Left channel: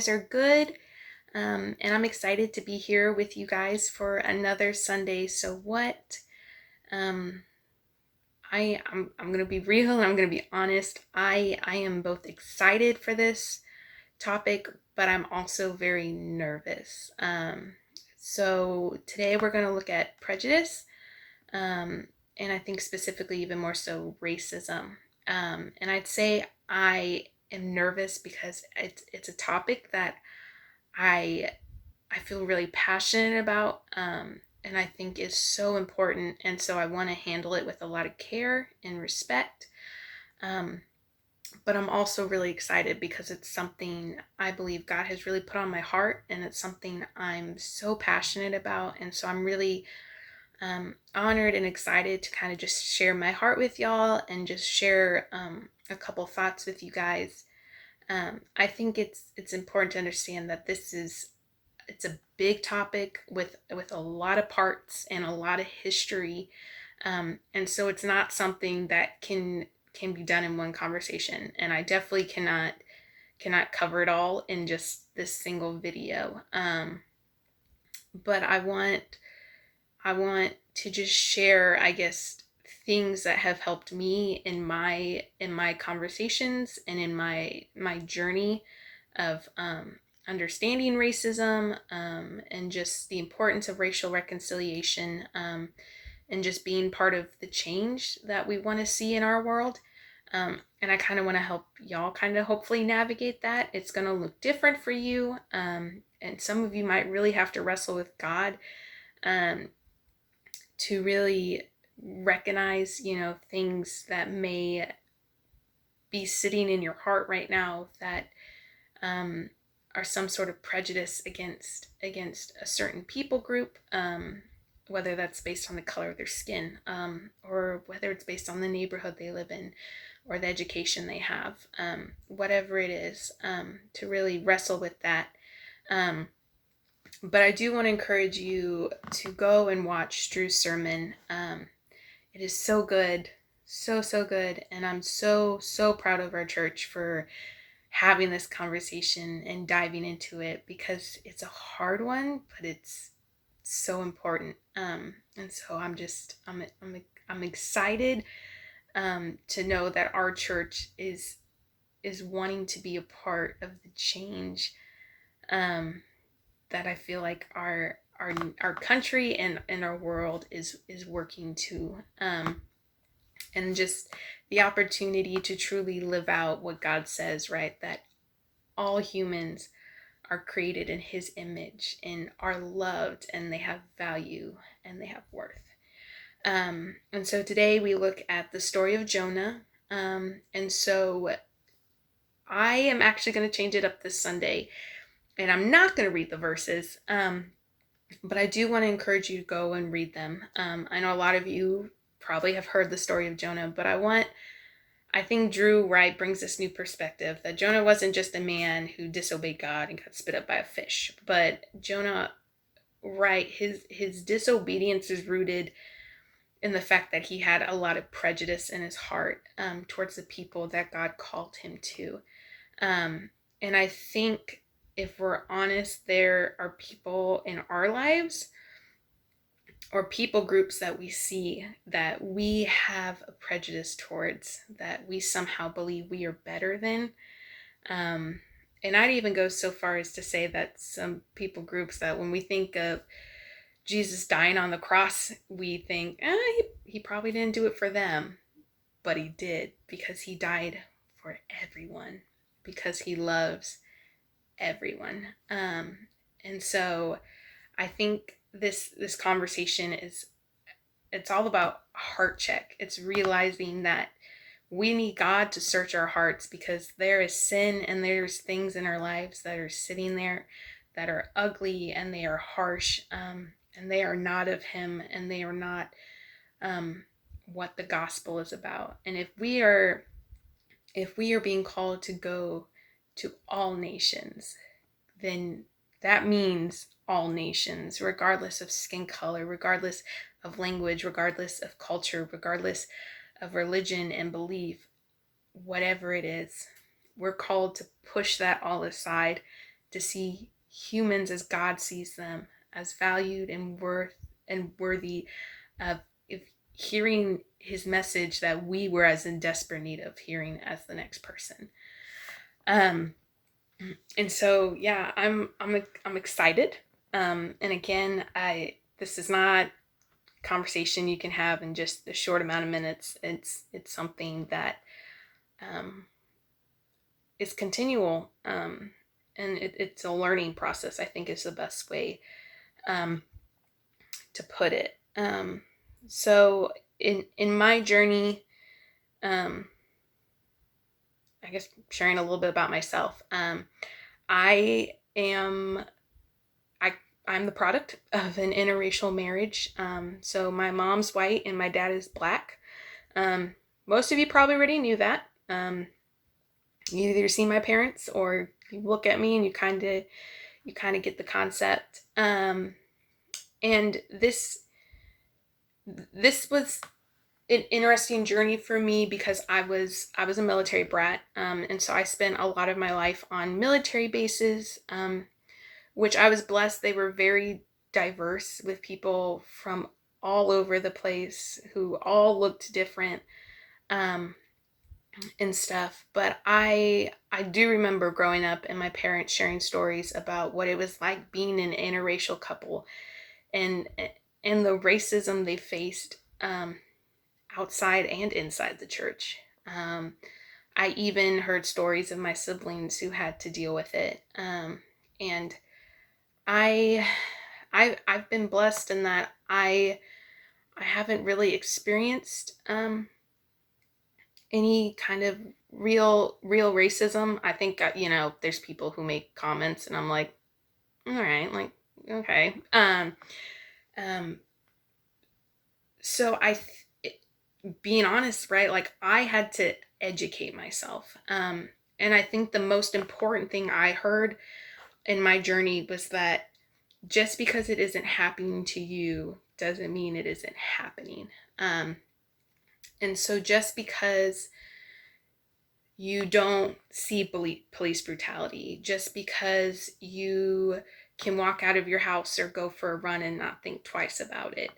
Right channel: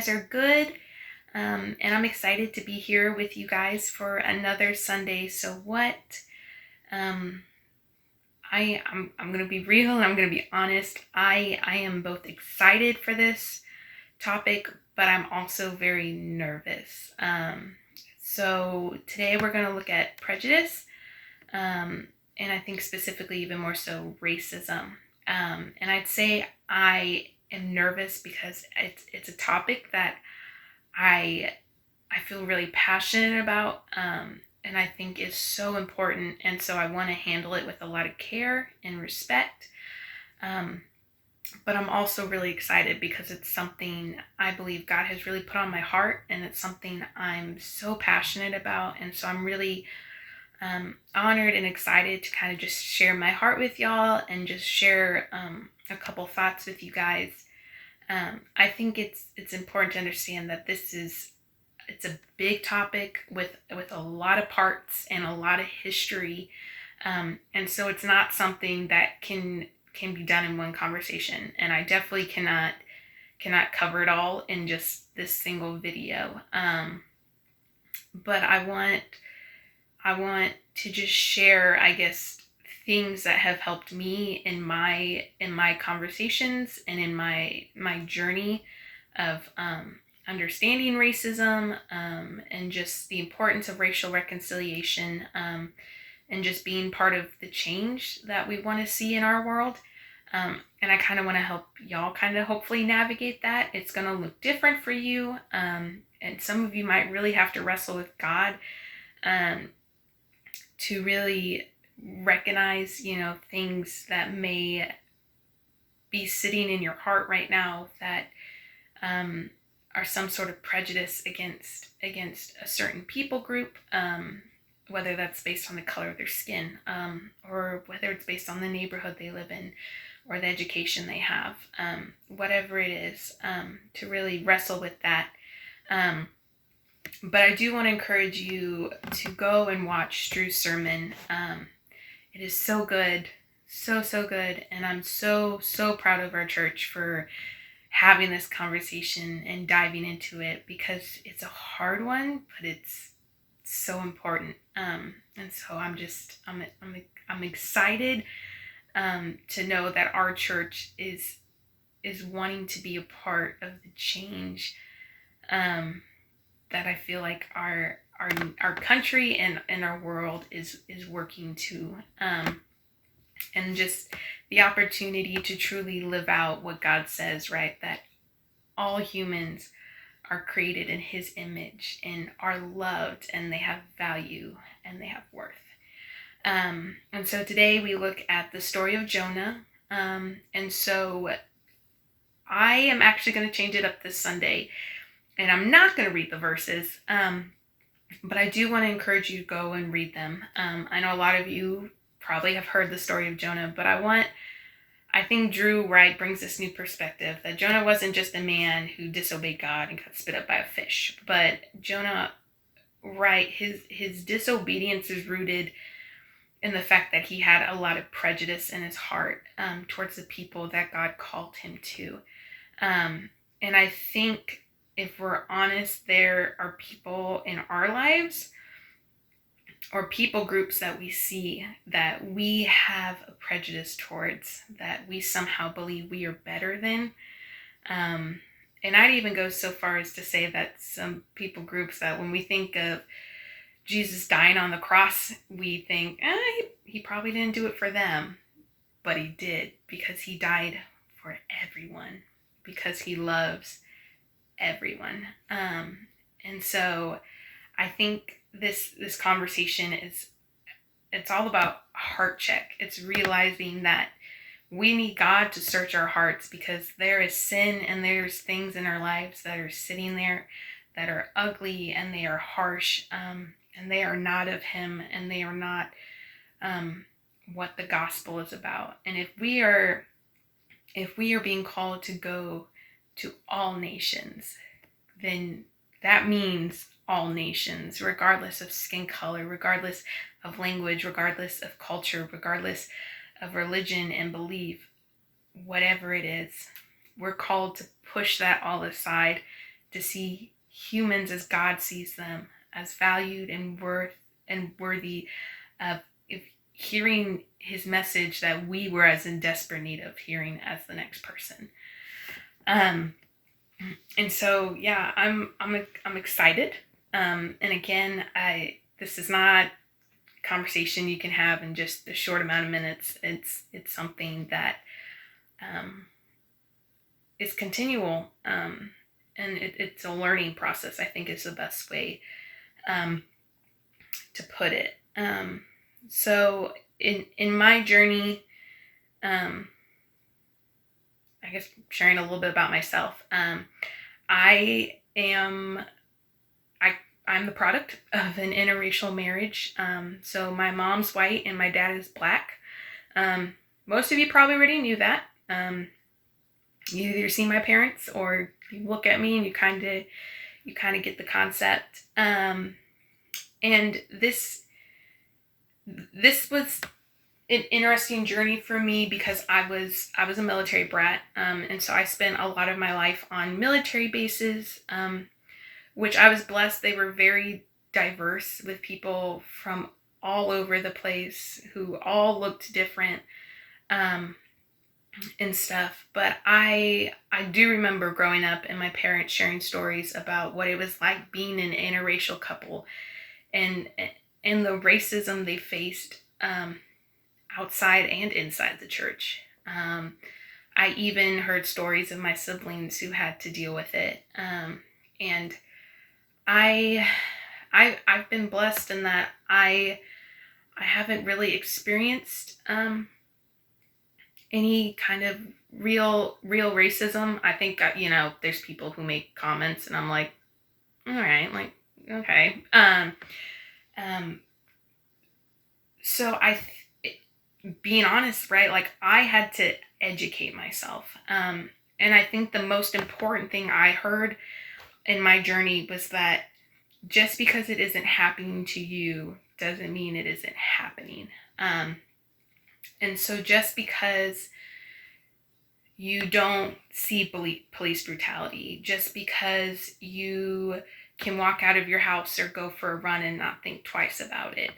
guys are good. And I'm excited to be here with you guys for another Sunday. So what? Um, I'm gonna be real and I'm gonna be honest. I am both excited for this topic, but I'm also very nervous. So today we're gonna look at prejudice, and I think specifically even more so racism. And I'd say I am nervous because it's a topic that I I feel really passionate about, and I think is so important. And so I want to handle it with a lot of care and respect. Um, but I'm also really excited because it's something I believe God has really put on my heart, and it's something I'm so passionate about. And so I'm really honored and excited to kind of just share my heart with y'all and just share a couple thoughts with you guys. I think it's important to understand that it's a big topic with a lot of parts and a lot of history, and so it's not something that can be done in one conversation. And I definitely cannot cover it all in just this single video. But I want to just share, I guess, things that have helped me in my conversations and in my journey of understanding racism, and just the importance of racial reconciliation, and just being part of the change that we want to see in our world. And I kind of want to help y'all kind of hopefully navigate that. It's going to look different for you, and some of you might really have to wrestle with God, um, to really recognize, things that may be sitting in your heart right now that um, are some sort of prejudice against a certain people group, whether that's based on the color of their skin, or whether it's based on the neighborhood they live in or the education they have, whatever it is, to really wrestle with that. But I do want to encourage you to go and watch Drew's sermon. It is so good, so good, and I'm so proud of our church for having this conversation and diving into it, because it's a hard one, but it's so important. And so I'm excited, to know that our church is wanting to be a part of the change, that I feel like our country and our world is working to, and just the opportunity to truly live out what God says, right? That all humans are created in his image and are loved, and they have value and they have worth. And so today we look at the story of Jonah. And so I am actually going to change it up this Sunday, and I'm not going to read the verses, but I do want to encourage you to go and read them. I know a lot of you probably have heard the story of Jonah, but I think Drew Wright brings this new perspective that Jonah wasn't just a man who disobeyed God and got spit up by a fish, but Jonah Wright, his disobedience is rooted in the fact that he had a lot of prejudice in his heart, towards the people that God called him to. And I think, if we're honest, there are people in our lives or people groups that we see that we have a prejudice towards, that we somehow believe we are better than. And I'd even go so far as to say that some people groups, that when we think of Jesus dying on the cross, we think, he probably didn't do it for them. But he did, because he died for everyone, because he loves everyone. And so I think this conversation it's all about heart check. It's realizing that we need God to search our hearts, because there is sin and there's things in our lives that are sitting there that are ugly and they are harsh, and they are not of him, and they are not what the gospel is about. And if we are being called to go to all nations, then that means all nations, regardless of skin color, regardless of language, regardless of culture, regardless of religion and belief, whatever it is. We're called to push that all aside to see humans as God sees them, as valued and worthy of hearing his message that we were as in desperate need of hearing as the next person. And so yeah, I'm excited. And again, this is not a conversation you can have in just a short amount of minutes. It's something that is continual, and it's a learning process, I think, is the best way to put it. So in my journey, I guess sharing a little bit about myself, I'm the product of an interracial marriage. So my mom's white and my dad is black. Most of you probably already knew that. You either see my parents or you look at me and you kind of get the concept. And this was an interesting journey for me because I was a military brat, and so I spent a lot of my life on military bases, which I was blessed. They were very diverse, with people from all over the place who all looked different, and stuff. But I do remember growing up and my parents sharing stories about what it was like being an interracial couple, and the racism they faced, outside and inside the church. I even heard stories of my siblings who had to deal with it. And I've been blessed in that I haven't really experienced any kind of real racism. I think there's people who make comments and I'm like, all right, like, okay. So being honest, right? Like, I had to educate myself. And I think the most important thing I heard in my journey was that just because it isn't happening to you doesn't mean it isn't happening. And so just because you don't see police brutality, just because you can walk out of your house or go for a run and not think twice about it,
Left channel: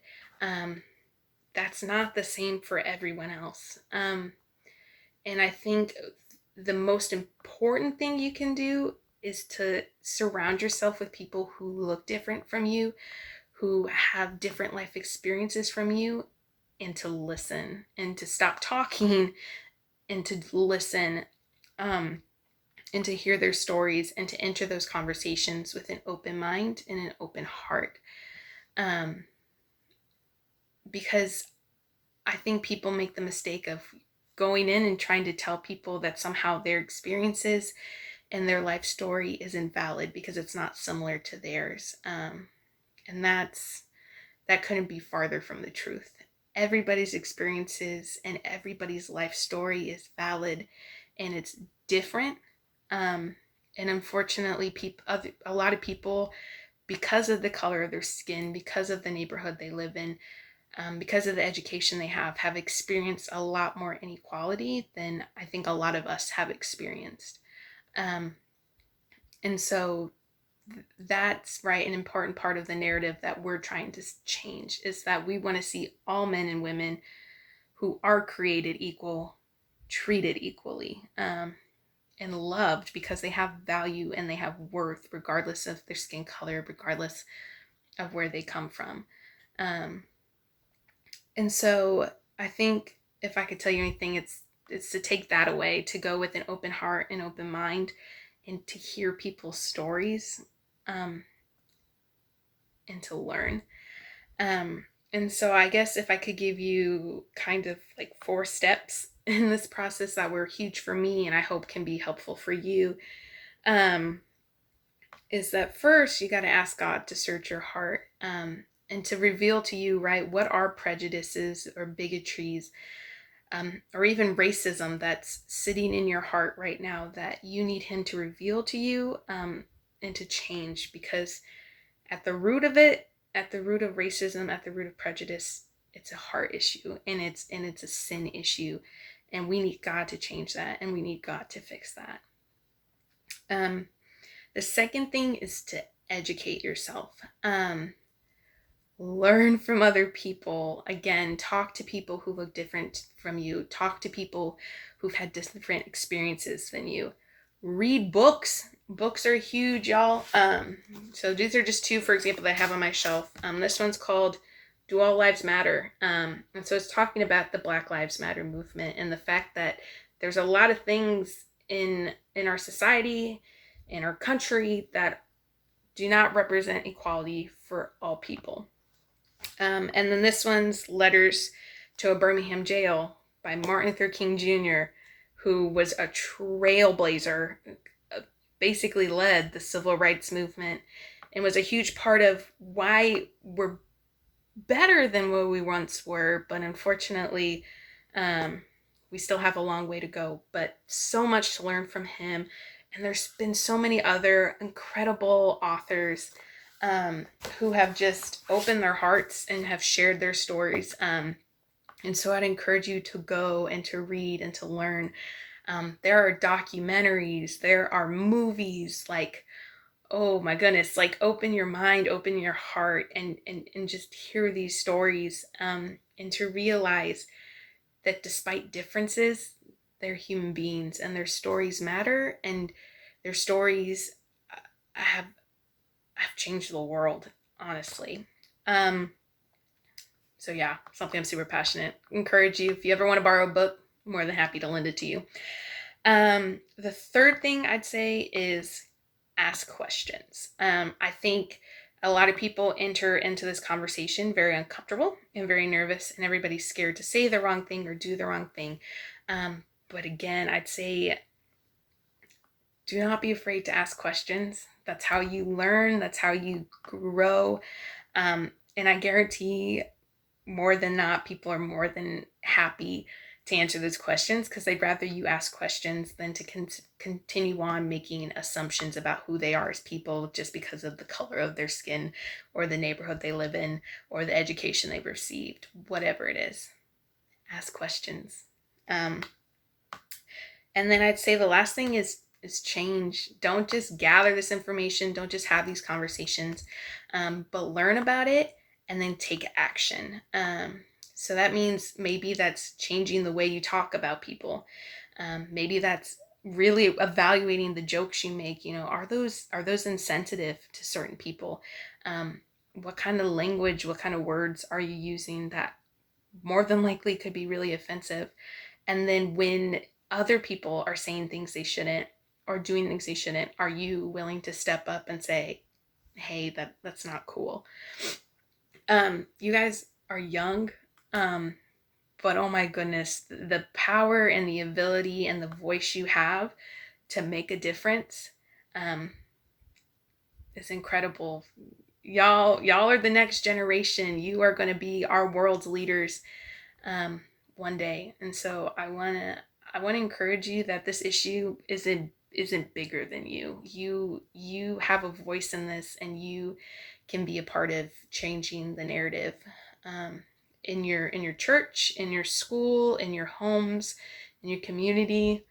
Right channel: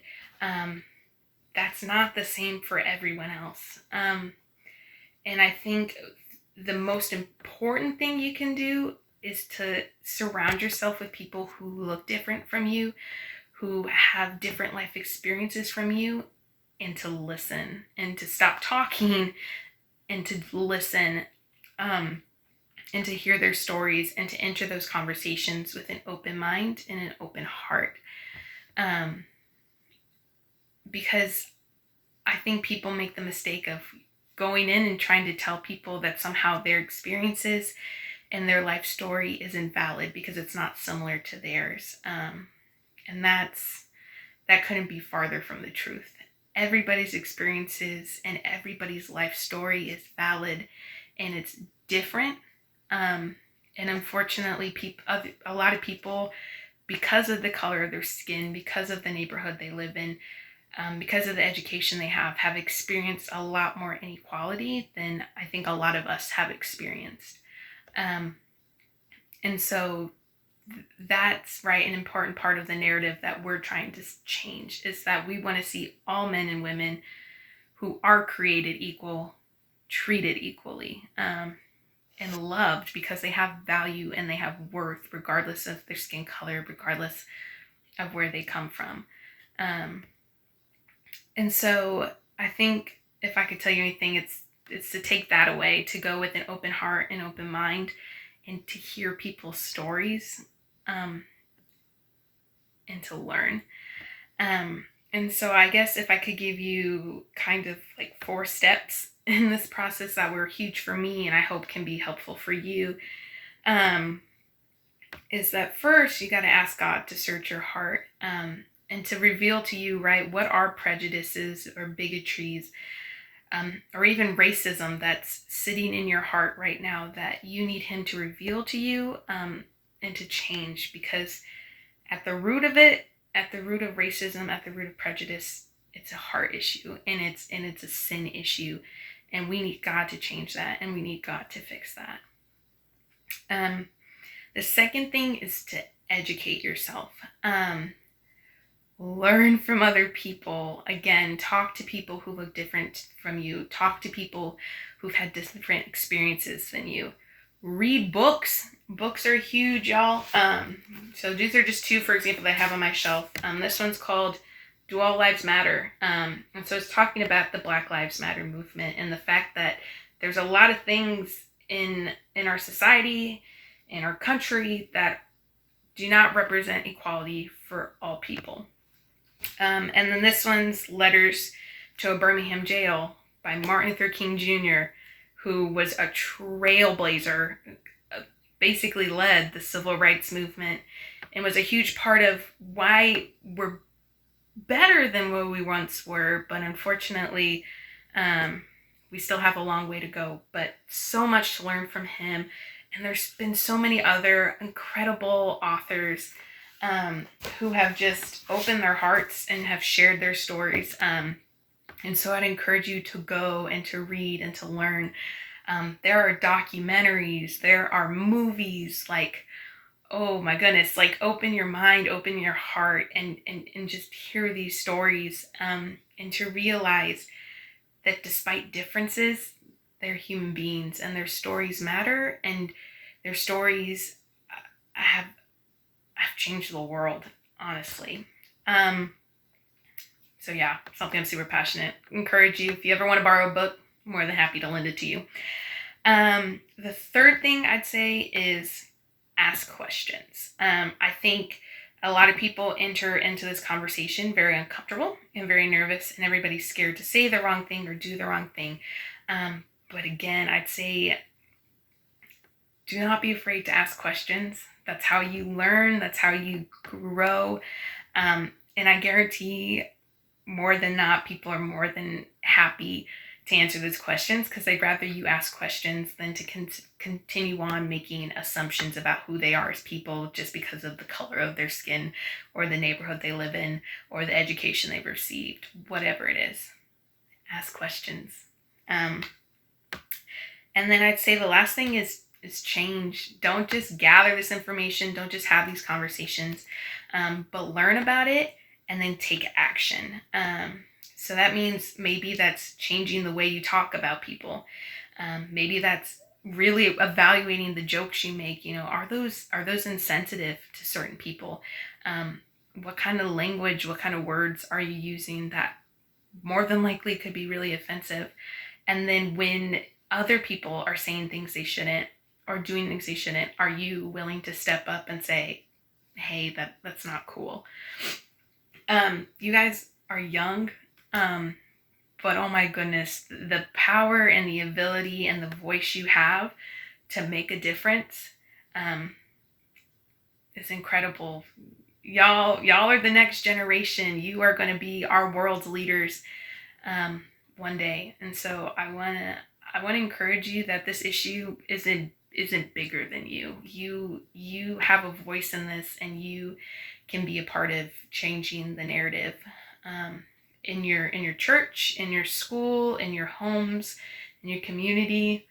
that's not the same for everyone else. And I think the most important thing you can do is to surround yourself with people who look different from you, who have different life experiences from you, and to listen and to stop talking and to listen, and to hear their stories and to enter those conversations with an open mind and an open heart. Because I think people make the mistake of going in and trying to tell people that somehow their experiences and their life story is invalid because it's not similar to theirs. And that couldn't be farther from the truth. Everybody's experiences and everybody's life story is valid, and it's different. And unfortunately, a lot of people, because of the color of their skin, because of the neighborhood they live in, because of the education they have experienced a lot more inequality than I think a lot of us have experienced. And so that's right, an important part of the narrative that we're trying to change is that we want to see all men and women who are created equal, treated equally, and loved because they have value and they have worth, regardless of their skin color, regardless of where they come from. And so I think if I could tell you anything, it's to take that away, to go with an open heart and open mind, and to hear people's stories, and to learn. And so I guess if I could give you kind of like 4 steps in this process that were huge for me and I hope can be helpful for you, is that first you got to ask God to search your heart, and to reveal to you, right, what are prejudices or bigotries, or even racism that's sitting in your heart right now that you need him to reveal to you, and to change. Because at the root of it, at the root of racism, at the root of prejudice, it's a heart issue, and it's a sin issue, and we need God to change that, and we need God to fix that. The second thing is to educate yourself. Learn from other people. Again, talk to people who look different from you. Talk to people who've had different experiences than you. Read books. Books are huge, y'all. So these are just two, for example, that I have on my shelf. This one's called Do All Lives Matter? And so it's talking about the Black Lives Matter movement and the fact that there's a lot of things in our society, in our country, that do not represent equality for all people. And then this one's Letters to a Birmingham Jail by Martin Luther King Jr., who was a trailblazer, basically led the civil rights movement, and was a huge part of why we're better than what we once were. But unfortunately, we still have a long way to go, but so much to learn from him. And there's been so many other incredible authors who have just opened their hearts and have shared their stories. And so I'd encourage you to go and to read and to learn. There are documentaries, there are movies, like, oh my goodness, like open your mind, open your heart, and just hear these stories, and to realize that despite differences, they're human beings and their stories matter, and their stories have changed the world, honestly. So yeah, something I'm super passionate. Encourage you, if you ever want to borrow a book, I'm more than happy to lend it to you. The third thing I'd say is ask questions. I think a lot of people enter into this conversation very uncomfortable and very nervous, and everybody's scared to say the wrong thing or do the wrong thing. But again, I'd say do not be afraid to ask questions. That's how you learn. That's how you grow. And I guarantee more than not, people are more than happy to answer those questions, because they'd rather you ask questions than to continue on making assumptions about who they are as people just because of the color of their skin or the neighborhood they live in or the education they've received, whatever it is. Ask questions. And then I'd say the last thing is change. Don't just gather this information. Don't just have these conversations, but learn about it and then take action. So that means maybe that's changing the way you talk about people. Maybe that's really evaluating the jokes you make. You know, are those insensitive to certain people? What kind of language, what kind of words are you using that more than likely could be really offensive? And then when other people are saying things they shouldn't or doing things they shouldn't, are you willing to step up and say, hey, that's not cool? You guys are young, but oh my goodness, the power and the ability and the voice you have to make a difference is incredible. Y'all are the next generation. You are going to be our world's leaders one day. And so I want to encourage you that this issue isn't bigger than you. You have a voice in this, and you can be a part of changing the narrative in your church, in your school, in your homes, in your community,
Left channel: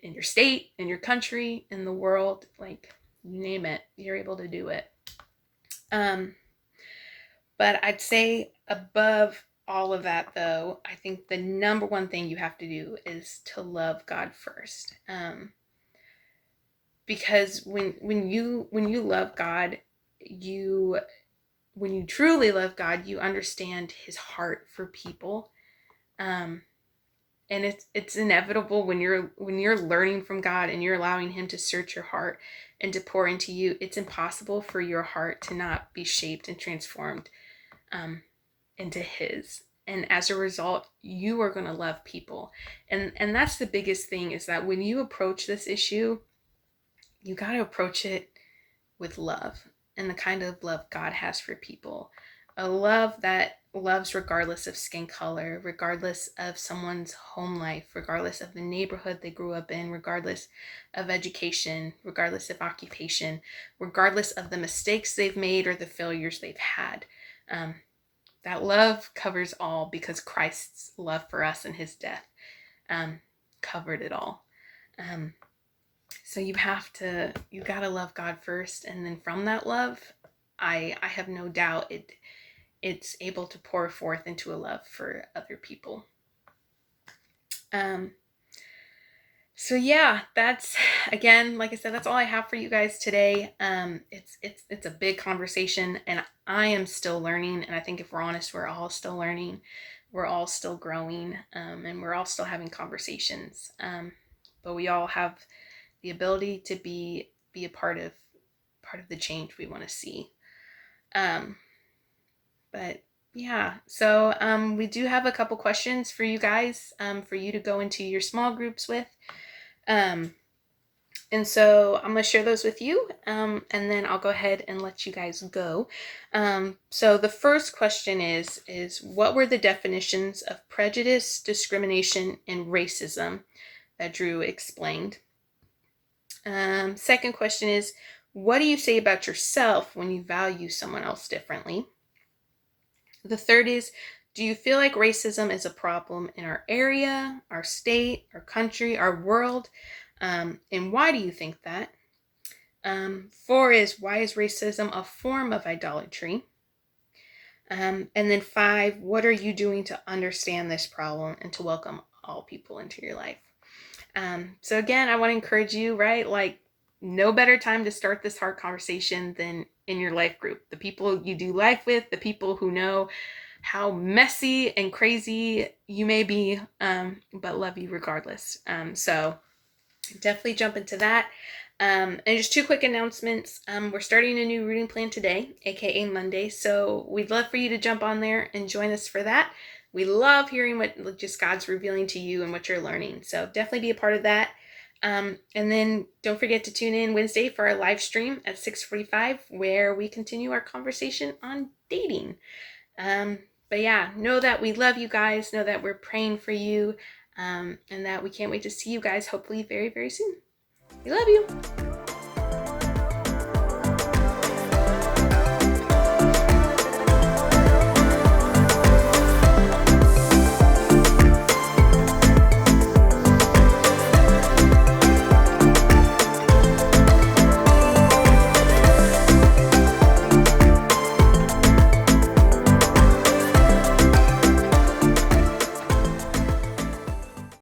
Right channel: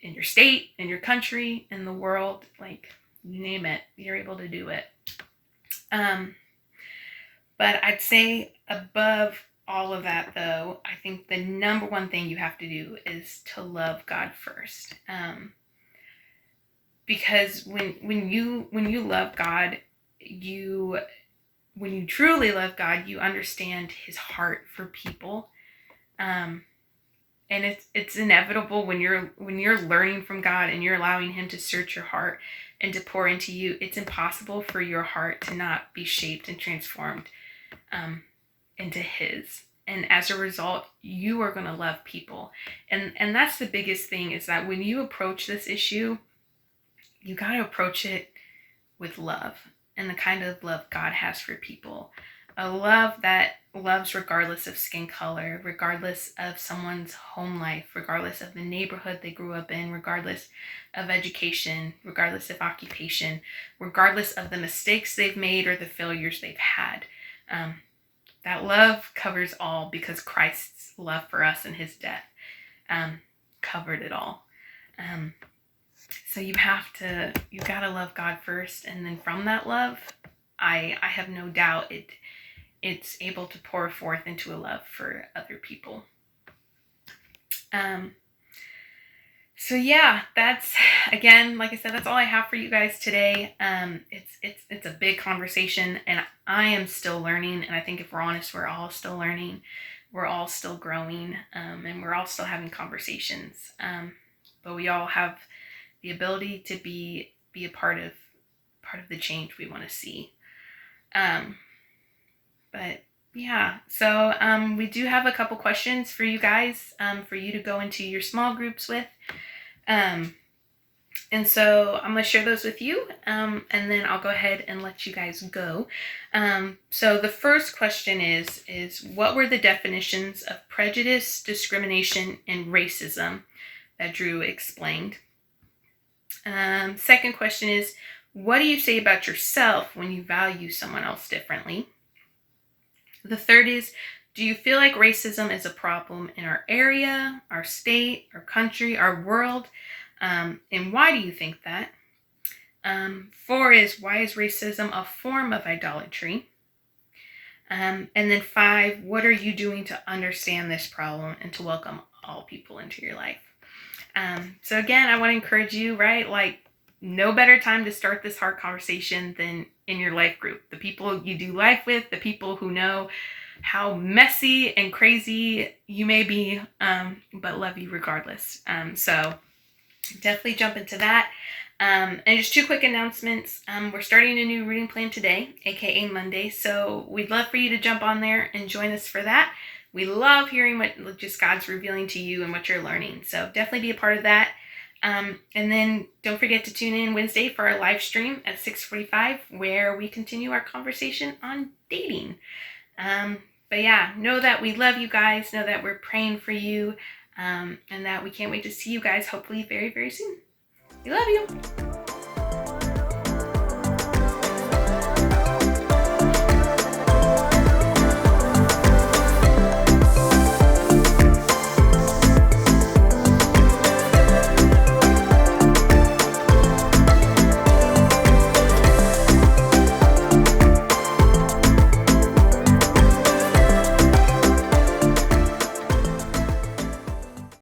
in your state, in your country, in the world. Like, you name it, you're able to do it. But I'd say above all of that, though, I think the number one thing you have to do is to love God first. Because when you love God, when you truly love God, you understand his heart for people. And it's inevitable when you're learning from God and you're allowing him to search your heart and to pour into you. It's impossible for your heart to not be shaped and transformed into his. And as a result, you are going to love people. And that's the biggest thing, is that when you approach this issue, you got to approach it with love, and the kind of love God has for people. A love that loves regardless of skin color, regardless of someone's home life, regardless of the neighborhood they grew up in, regardless of education, regardless of occupation, regardless of the mistakes they've made or the failures they've had. That love covers all, because Christ's love for us and his death covered it all. So you gotta love God first, and then from that love, I have no doubt it's able to pour forth into a love for other people. So yeah, that's, again, like I said, that's all I have for you guys today. It's a big conversation, and I am still learning. And I think if we're honest, we're all still learning, we're all still growing, and we're all still having conversations. But we all have the ability to be a part of the change we want to see. But yeah, so we do have a couple questions for you guys, for you to go into your small groups with. And so I'm going to share those with you, and then I'll go ahead and let you guys go. So the first question is what were the definitions of prejudice, discrimination, and racism that Drew explained? Second question is, what do you say about yourself when you value someone else differently? The third is, do you feel like racism is a problem in our area, our state, our country, our world? And why do you think that? 4 is, why is racism a form of idolatry? And then 5, what are you doing to understand this problem and to welcome all people into your life? So again, I want to encourage you, right? Like, no better time to start this hard conversation than in your life group. The people you do life with, the people who know how messy and crazy you may be, but love you regardless. So definitely jump into that. And just 2 quick announcements. We're starting a new reading plan today, aka Monday. So we'd love for you to jump on there and join us for that. We love hearing what just God's revealing to you and what you're learning. So definitely be a part of that. And then don't forget to tune in Wednesday for our live stream at 6:45, where we continue our conversation on dating. But yeah, know that we love you guys. Know that we're praying for you, and that we can't wait to see you guys hopefully very, very soon. We love you.